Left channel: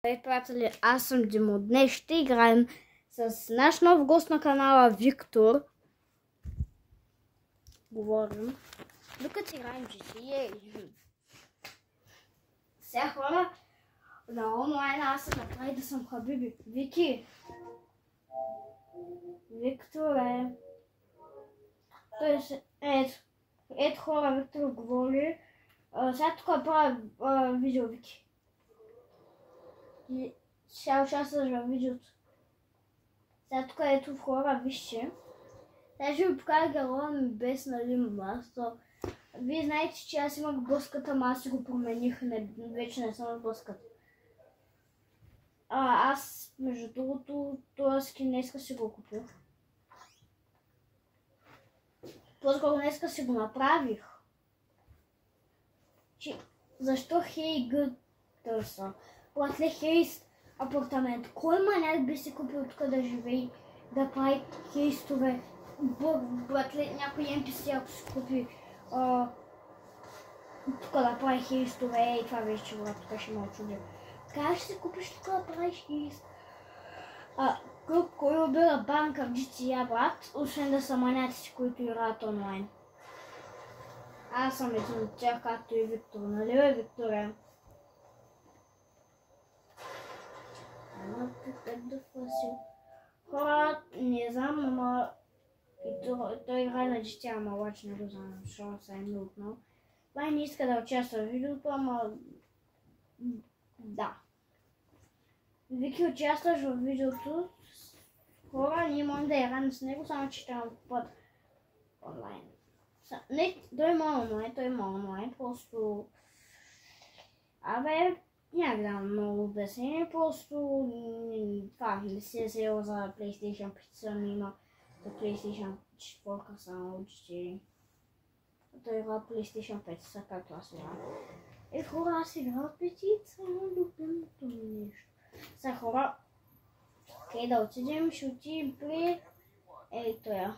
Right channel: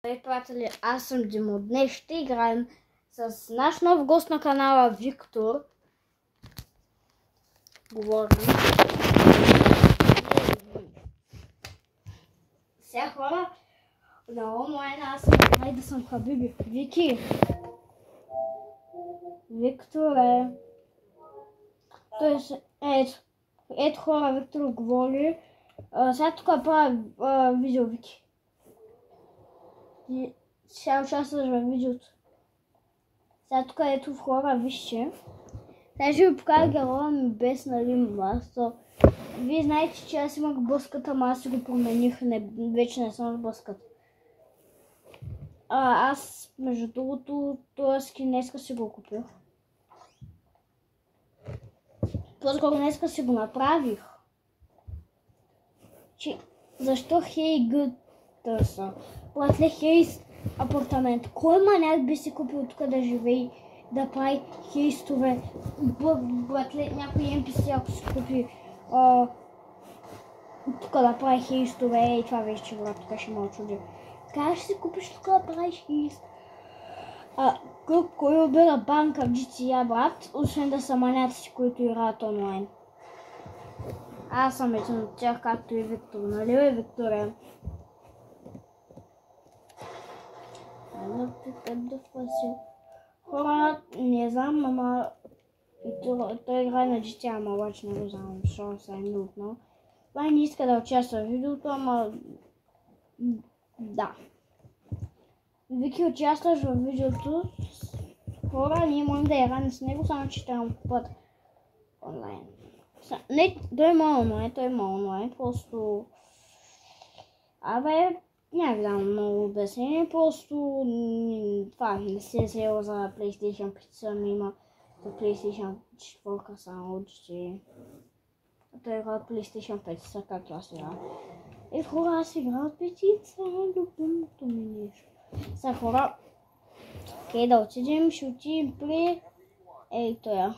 Здравейте, приятели, аз съм Димо. Днес ще играем с наш нов гост на канала Виктор. Говорим. Сега хора, на онлайн аз съм да съм Хабиби. Вики. Викторе. Ето хора, Виктор говори. Сега тук правя видео, Вики. И сега участваш в видеото. Сега тук ето в хора, вижте. Сега ще ви покажа героя ми без масло. Вие знаете, че аз имах блъската, ама аз си го промених. Вече не съм в блъската. Аз, между другото, този скин днеска си го купих. По-скоро днеска си го направих. Защо Hey Good търса? Братле, хейст апартамент. Кой маняк би си купил тук да живее, да прави хейстове? Братле, някой NPC ако си купи тук да прави хейстове, и това вече брат, тук ще ме очуди. Как ще си купиш тук да правиш хейст? Кой убира банка в GTA, брат, освен да са маняци, които играят онлайн? Аз съм един от тях, както и Виктор, нали бе, Викторе? Хора, не знам, ама той играе на GTA, ама обаче не го знам, защото се е минутно. Това не иска да участва в видеото, ама да. Вики, участваш в видеото. Хора, ние можем да играем с него, само че трябва да купат онлайн. Не, той има онлайн, просто... Няма да дам много обяснение, просто това не се е взела за PlayStation 5, ами има за PlayStation 4 само, че той игра PlayStation 5, са както аз игра. Хора, аз игра от петица, любимото ми нещо. Сега хора, да отидем, ще отидем при тоя.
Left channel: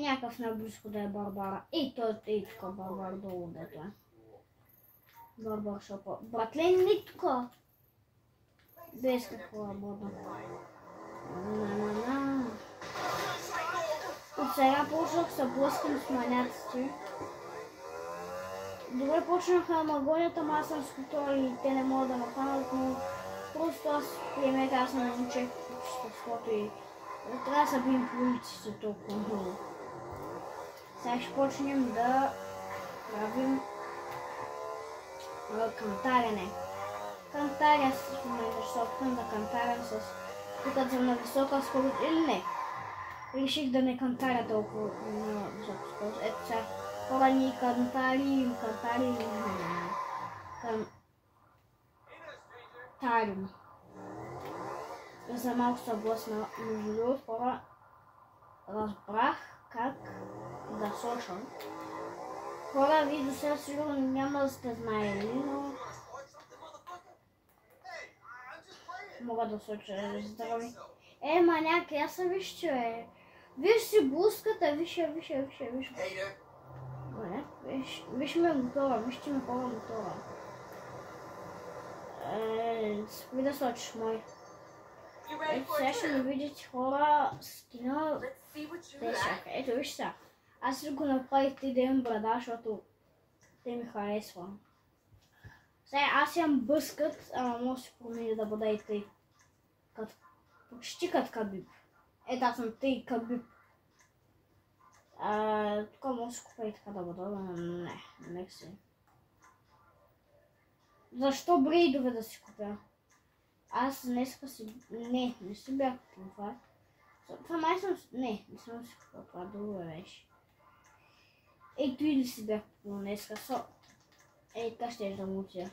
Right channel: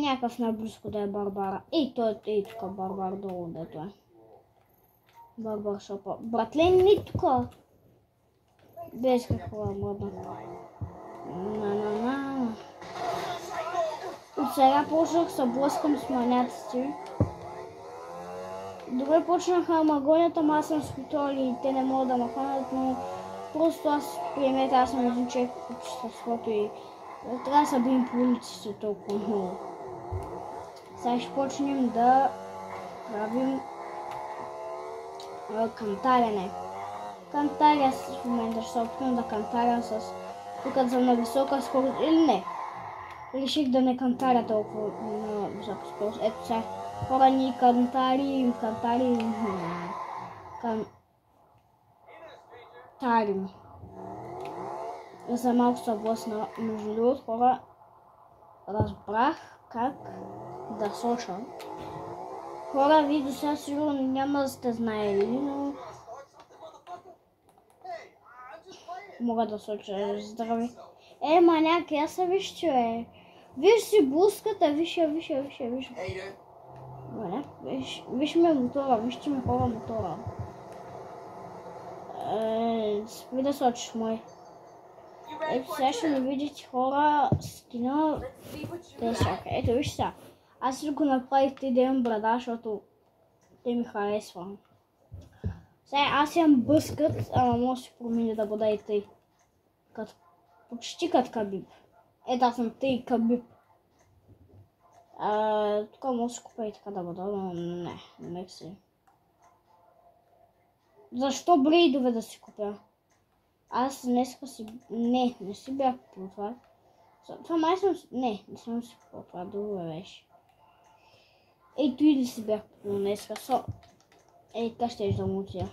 Някакъв наблизко да е Барбара. Той е тук Барбар долу, дето е. Барбар шопа. Братле, не тук. Без какво модно. От сега почнах се блъскам с маняците. Добре почнаха магонията, ама аз съм с контроли и те не могат да ме хванат, но просто аз приемете, аз съм един човек по чистовството и трябва да се бием по улиците толкова много. Сега ще почнем да правим кантарене. Кантаря в момента ще се опитам да кантарям с тук за на висока скорост или не. Реших да не кантаря толкова на висока скорост. Ето сега хора ни кантарим. За малко се блъсна. Между другото, хора, разбрах как да сочам. Хора, вие до сега сигурно няма да сте знаели, но мога да соча. Здрави. Маняк, аз се виж, че виж си блуската, виж. Маняк, виж ме мотора, вижте ме хора мотора. Спри да сочиш мой. Ето сега ще ми видите хора скина. Ето виж сега. Аз си го направих да имам брада, защото те ми харесва. Сега аз имам бъскът, ама може да си промени да бъда и тъй. Почти като Кабиб. Ето аз съм тъй Кабиб. Тук може да си купя и така да бъда, но не си. Защо брейдове да си купя? Аз днеска си... Не си бях купил това. Това май съм... Не съм си купил това, друго беше. Ето и ли си бях купил днеска. Така ще да мутя.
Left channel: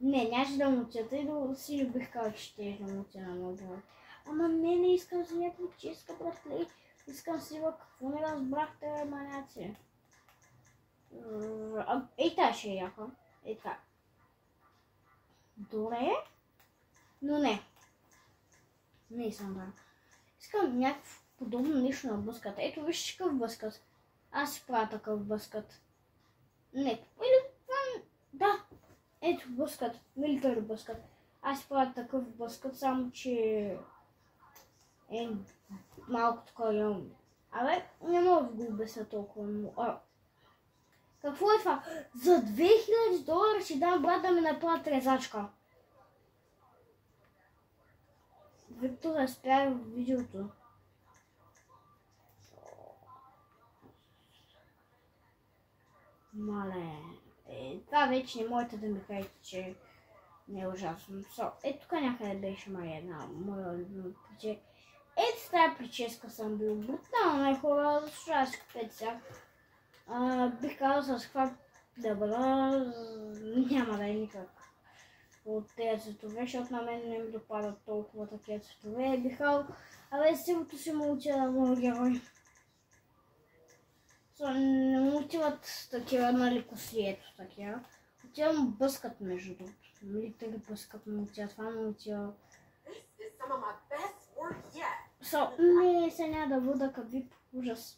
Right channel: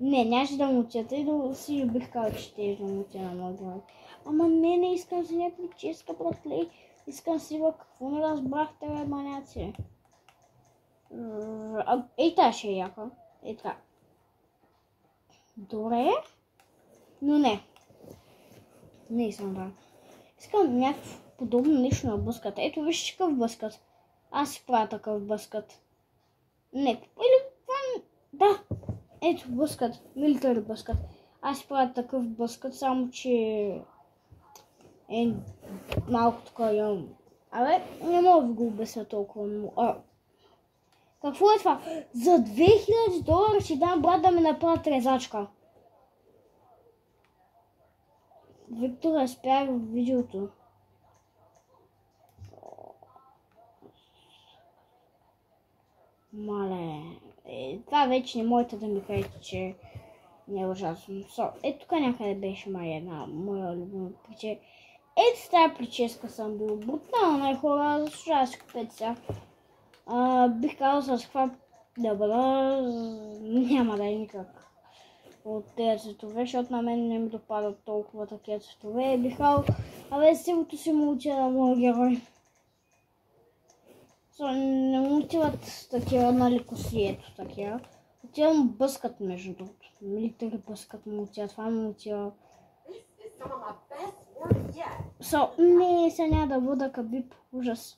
Не, нямаше да мутя, тъй да си бих казал, че ще да мутя на моя глава. Ама не искам си някакви ческа, братле. Искам си какво не разбрахте, бе, маняци. Тази ще е яка. Така. Добре. Но не искам да. Искам някакво подобно нещо на бъската. Ето виж какъв бъскат. Аз си правя такъв бъскат. Не, или да, ето бъскът, милитари бъскът. Аз правя такъв бъскът, само че е малко така имам. Абе, не мога да го обясня толкова много. Какво е това? За $2000 ще дам брат да ми направят резачка. Виктор, спрях видеото. Мале, това вече не можете да ми кажете, че не е ужасно. Ето тук някъде беше една моя любима прическа. Ето с тази прическа съм бил брутална хора, заслужава си купете сега. Бих казал с каква да бъда, няма да е никак от тези цветове, защото на мен не ми допадат толкова такива цветове. Бих казал, сигурно си му уча на моя герой. Не му отиват такива на лекосието, такива. Отивам бъскат между другото. Милитари бъскат му отиват, това му отива. Не, сега няма да вода Кабиб, ужас.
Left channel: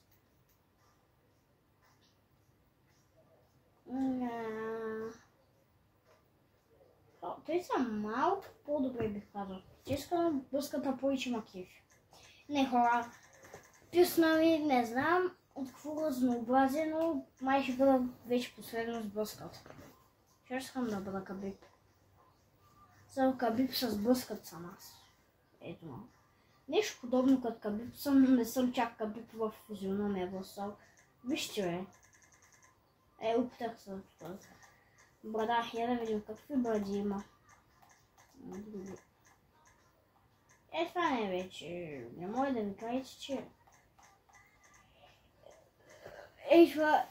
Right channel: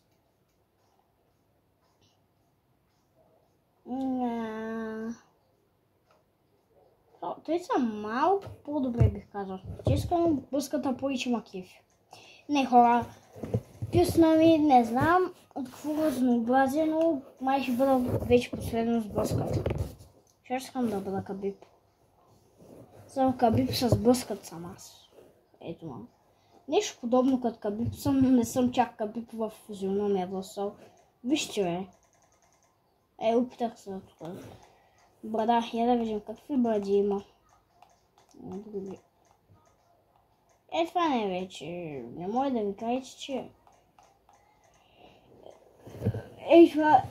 Той са малко по-добре бих казал. Ческам бъската повече макив. Не хора, писна ми, не знам от какво разнообразие, но май ще бъда вече последно с бъската. Ще искам да бъда Кабиб. Само Кабиб с бъскат съм аз. Ето ма. Нещо подобно като Кабиб съм, не съм чак Кабиб в физиономия възсъл. Вижте бе. Опитах се тук. Брада, я да видим какви бради има. Това не е вече. Не може да ми кажете, че... това...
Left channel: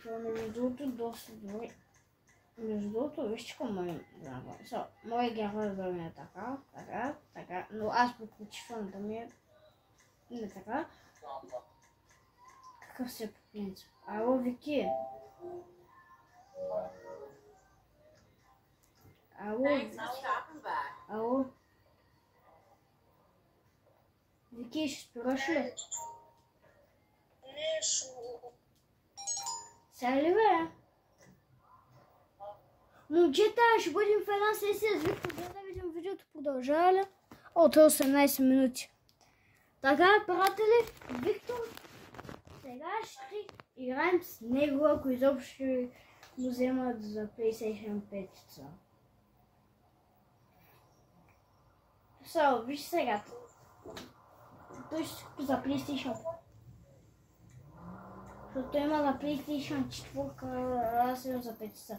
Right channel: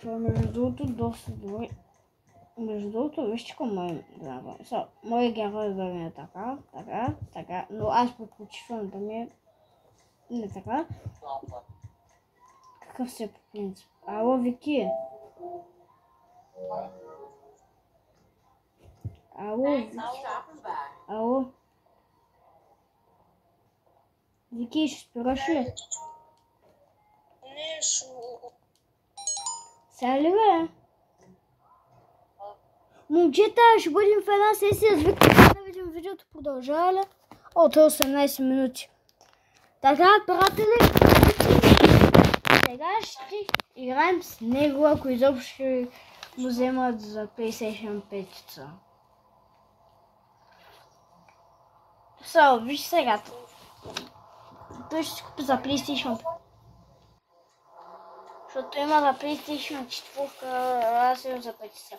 това между другото доста добре. Между другото, вижте какво мой герой. Моят герой да ми е така, но аз предпочитам да ми е не така. Какъв се по принцип? Ало, Вики. Ало. Вики, ще спираш ли? Не, сега ли бе? Момчета, ще бъдем в една сесия с Виктор, да видим видеото продължава ли? То е 18 минути. Така, приятели, сега ще играем с него, ако изобщо ще му вземат за PlayStation 5. Виж сега. Той ще си купи за PlayStation 5. Защото има за PlayStation 4, аз имам за 5.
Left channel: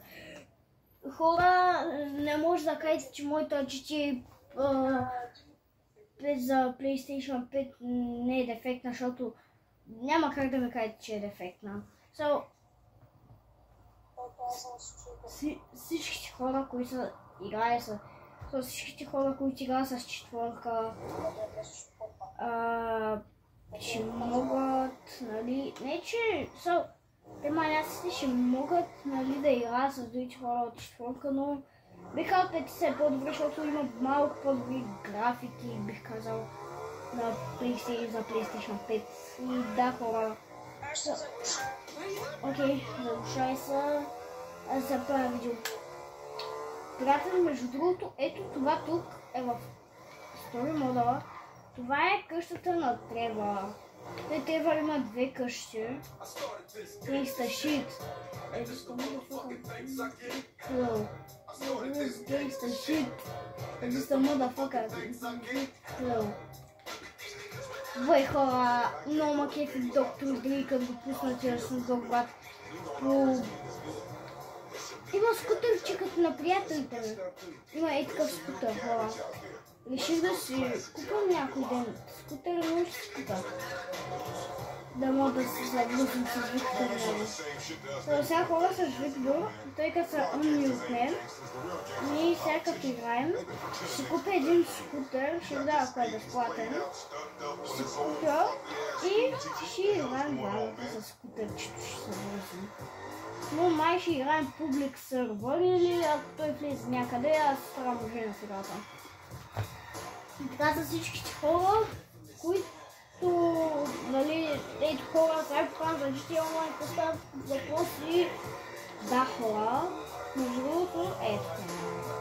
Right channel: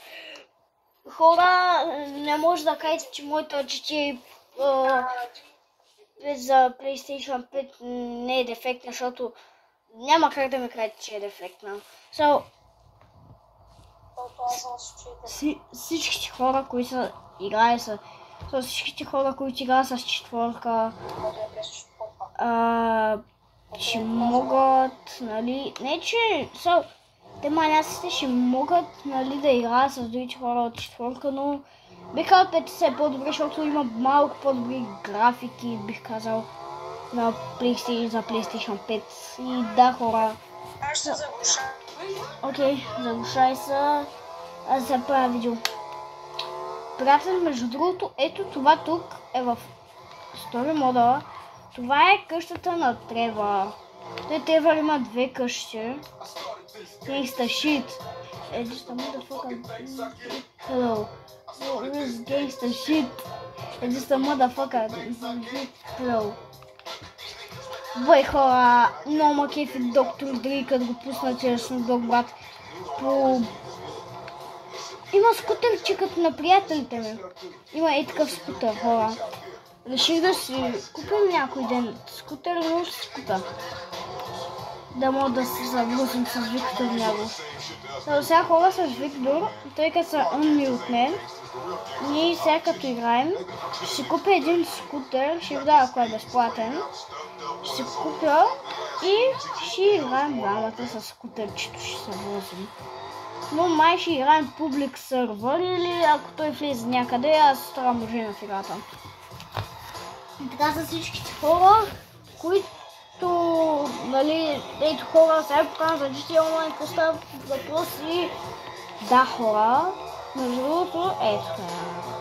Хора, не може да кажете, че моето GT за PlayStation 5 не е дефектна, защото няма как да ми кажете, че е дефектна. Всичките хора, които са играли с... всичките хора, които играят с четворка, ще могат, нали... Не, че... те маняците ще могат, нали, да играят с другите хора от четворка, но бих казал 5 е по-добре, защото има малко по-добри графики, бих казал, на PlayStation, за PlayStation 5. И да, хора. Аз ще заглуша. Окей, заглушай се. Аз се правя видео. Приятели, между другото, ето това тук е в Story мода. Това е къщата на Тревър. Тревър има две къщи. Gangsta shit. Just a motherfucker. Hello. This is gangsta shit. Just a motherfucker. Hello. Бой хора, много ма кефи доктор Дри, като го пусна чрез Снудок брат. Има скутерче като на приятелите ми. Има и такъв скутер, хора. Реших да си купим някой ден скутер, но ще си купя. Да мога да се заблъсим с Виктор него. Сега хора с Виктор, тъй като са умни от мен, ние сега като играем, ще си купя един скутер, ще ви дам ако е безплатен. Ще си купя и ще играем двамата с скутерчето, ще се влъзим. Но май ще играем публик сервер или ако той влезе някъде, аз ставам може на фигата. И така са всичките хора, които нали, ето хора, сега покажа за GTA Online поставят въпроси. Да, хора. Между другото, ето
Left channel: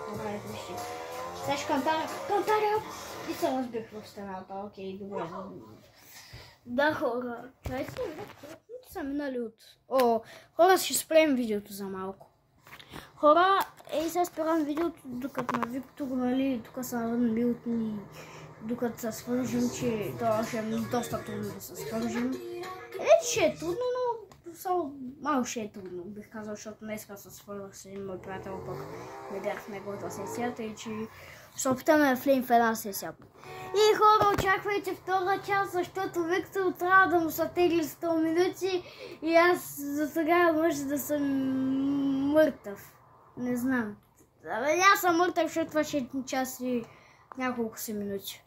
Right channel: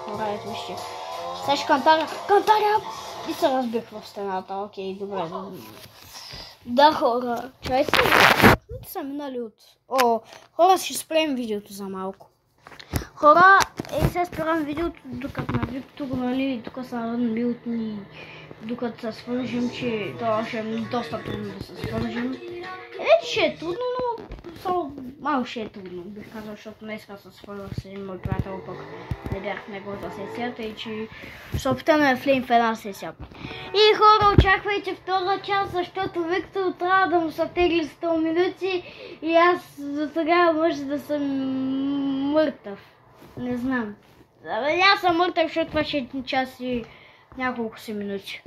хора, ето вижте. Сега ще кантаря и се разбих в стената. Окей, добре. Да, хора. Чайте са минали от... хора, ще спрем видеото за малко. Хора, сега спирам видеото, докато на Виктор, нали, тук са милтни, докато се свържим, че това ще е доста трудно да се свържим. Вече ще е трудно, но само малко ще е трудно, бих казал, защото днеска се свързвах с един мой приятел, пък не бях в неговата сесията и че ще опитаме да влеем в една сесия. И хора, очаквайте втора част, защото Виктор трябва да му се тегли 100 минути и аз за сега може да съм мъртъв. Не знам. Аз съм мъртъв, защото това ще е 1 час и няколко си минути.